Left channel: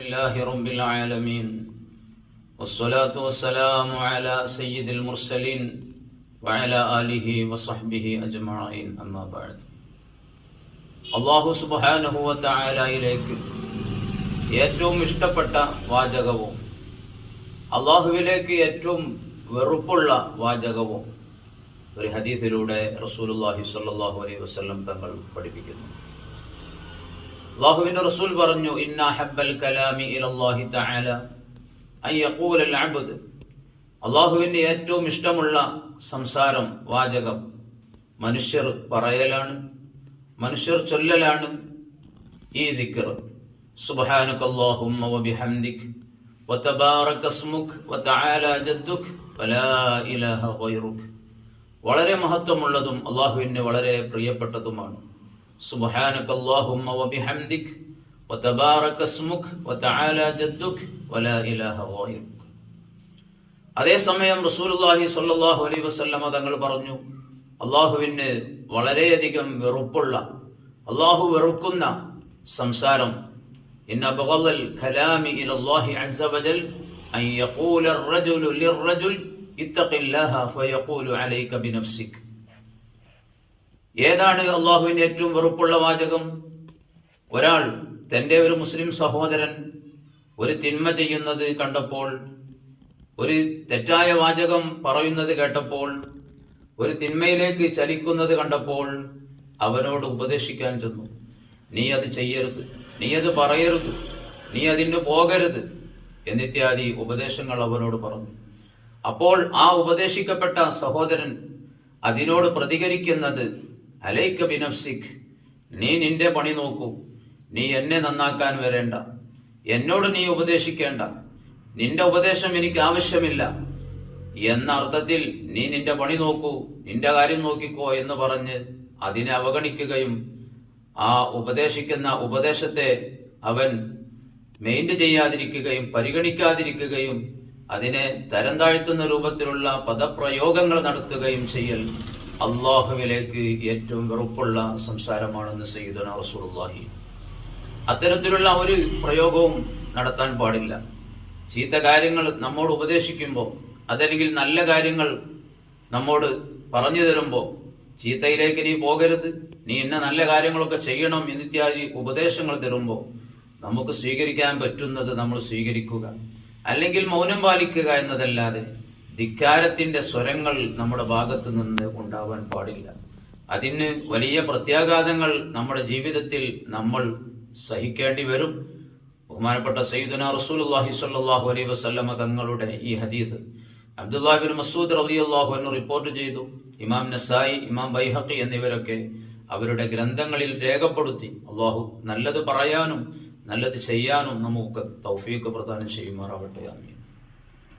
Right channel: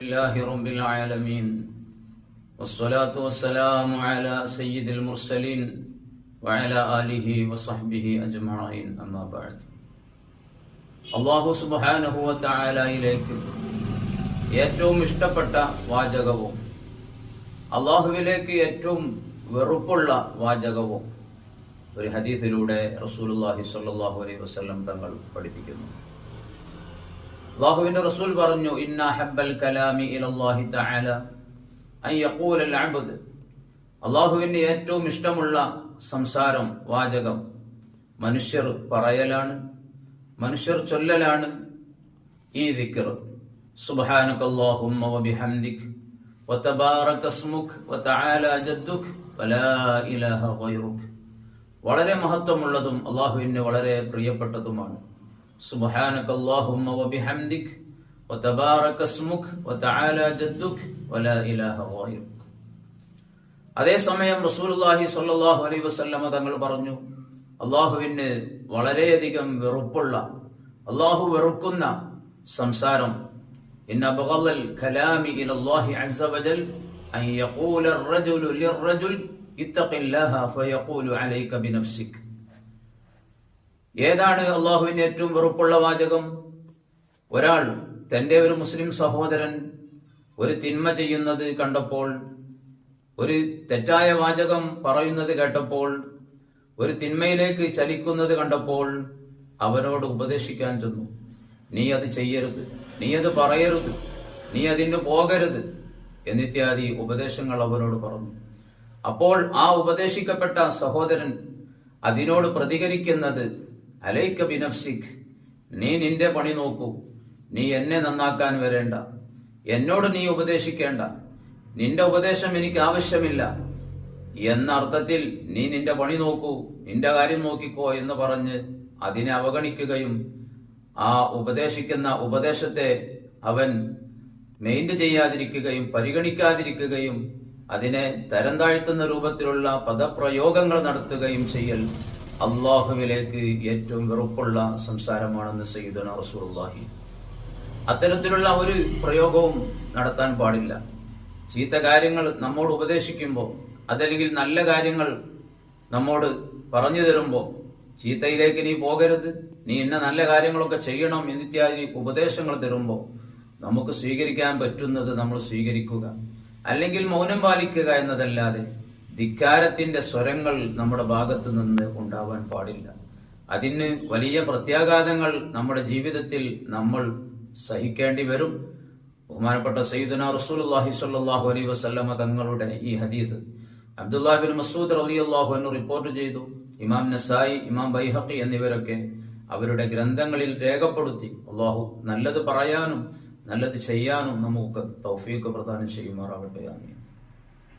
لله رب العالمين والصلاة والسلام على سيد المرسلين وعلى آله وصحبه أجمعين أما بعد അള്ളാഹു സുബാനഹുവ തായാലയിലേക്ക് ഏറ്റവും ഇഷ്ടപ്പെട്ട വാചകവും അള്ളാഹുവിലേക്ക് ഏറ്റവും വെറുപ്പുള്ള വാചകവും ഒരു ഹദീഫിലൂടെ റസൂലുല്ലാഹി സ്വല്ലല്ലാഹു അലൈഹി വസല്ലം തങ്ങൾ പഠിപ്പിക്കുന്നു അള്ളാഹുവിന്റെ റസൂൽ പറഞ്ഞു ഇന്ന ഹബ്ബൽ കലാമി തആല അള്ളാഹുവിന്റെ ഏറ്റവും ഇഷ്ടമുള്ള സംസാരം വാചകം മനുഷ്യർ പറയലാണ് മനുഷ്യർ ചൊല്ലലാണ് ഈ ഗൈറുക്. വളരെ മഹത്വമുള്ളതും അള്ളാഹുവിന് വളരെ പ്രിയപ്പെട്ടതുമാണ്. സുബ്ഹാനക അല്ലാഹുമ്മ വബിഹംദിക് വതബാറക ഇസ്മുക് വതആല ജദ്ദുക് വലാ ഇലാഹ ഗൈറുക് അതേസമയം റസൂലുള്ളാഹി സ്വല്ലല്ലാഹു അലൈഹി വസല്ലമ തങ്ങൾ പറഞ്ഞു അള്ളാഹുവിന് വളരെയധികം വെറുപ്പുള്ള അള്ളാഹു വെറുക്കുന്ന സംസാരം ഇന്ന അബ്ഗളൽ കലാമി ഇലല്ലാഹി അസ്സ വജൽ അൻ യഖൂല الرجل للرجل اتق الله فيقول عليك بنفسك ഏതാണ് അള്ളാഹുവിന് ഏറ്റവും വെറുപ്പുള്ള വാചകം? ഒരാൾ തന്റെ ഒരു മുസ്ലിം സഹോദരൻ ഒരു തിന്മ ചെയ്യുന്നത് കണ്ടപ്പോൾ ഒരു തെറ്റായ വാചകം പറയുന്നത് കേട്ടപ്പോൾ ഒരു തിന്മയിലേക്ക് ചലിക്കുന്നത് കണ്ടപ്പോൾ അവനോട് ഉപദേശിക്കാൻ ചെന്നു. നീ അത് ചെയ്യരുത്. നീ അത് പറയരുത്. നീ അതിന് പോകരുത്. എന്നിത്യാദി ഉപദേശങ്ങൾ അവനോട് പറഞ്ഞു. അപ്പോൾ ആ ഉപദേശിക്കപ്പെട്ട സഹോദരൻ അതിനോട് പ്രതികരിക്കുന്നത് അലൈക്ക ബിനഫ്സിഖ് നീ നിന്റെ പണി നോക്കൂ. നീ എന്നെ നന്നാക്കാൻ വരേണ്ട. എന്നോട് നീ ഉപദേശിക്കേണ്ട. നിന്റെ ഉപദേശം എനിക്ക് ആവശ്യമില്ല. എന്ന അർത്ഥത്തിൽ നീ നിന്റെ പണി നോക്കൂ നിന്റെ കാര്യം നോക്കിക്കോ എന്ന് പറഞ്ഞ് അതിനെ അവഗണിക്കുകയും ആ ഉപദേശിക്കുന്ന ഉപദേശത്തെ അവൻ മെയിന്റ് ചെയ്യാതിരിക്കുകയും പരിഗണിക്കാതിരിക്കുകയും അതിനെ തരം താഴ്ത്തുന്ന രൂപത്തിലുള്ള പദപ്രയോഗങ്ങൾ നടത്തുകയും ചെയ്യൽ. അള്ളാഹുവിലേക്ക് ഏറ്റവും വെറുപ്പുള്ള സംസാരമാണെന്ന് സയ്യിദുന റസൂലുള്ളാഹി. അത്തരത്തിലുള്ള ഒരു പ്രയോഗവും നടത്താൻ പാടില്ല. ചീത്ത കാര്യങ്ങൾ നമ്മോട് ഉപദേശിക്കുമ്പോൾ അതല്ലെങ്കിൽ നല്ല കാര്യങ്ങൾ നമ്മോട് പറഞ്ഞു തരുമ്പോൾ ചീത്തയിലേക്ക് നീ പോകരുത് നീ ഇന്ന നല്ല കാര്യങ്ങളൊക്കെ ചെയ്യണം എന്നിത്യാദി ഉപദേശങ്ങൾ തരുമ്പോൾ നമുക്ക് സ്വീകരിക്കാൻ പറ്റുന്നത് നമ്മൾ സ്വീകരിക്കുക. അല്ലെങ്കിൽ മൗനം പാലിക്കുക എന്നതല്ലാതെ ധിക്കാരത്തിന്റെ സ്വരങ്ങൾ നമ്മുടെ ഭാഗത്ത് നിന്ന് ഉണ്ടാവാൻ പാടില്ല. അതിന് വലിയ പ്രത്യാഘാതങ്ങൾ നമ്മുടെ ജീവിതത്തിൽ നമ്മൾ സഹിക്കേണ്ടി വരും. ബഹുമാനപ്പെട്ട സയ്യിദുന റസൂലുള്ളാഹി സ്വല്ലല്ലാഹു അലൈഹി വസല്ലമ തങ്ങളുടെ ഈ ഹദീസ്. അബ്ദുല്ലാഹിബിൻ മസൂദ് റളിയല്ലാഹു അൻഹു റിപ്പോർട്ട് ചെയ്തു. ഇമാം നസായി ഇമാം ബൈഹഖി എന്നിവരൊക്കെ അവരുടെ ഗ്രന്ഥങ്ങളിൽ രേഖപ്പെടുത്തി അള്ളാഹു നല്ലത് പറയാനും നല്ലത് ചെയ്യാനും നമുക്ക് തൗഫീഖ് പ്രദാനം ചെയ്യുമാറാവട്ടെ. ആമീൻ.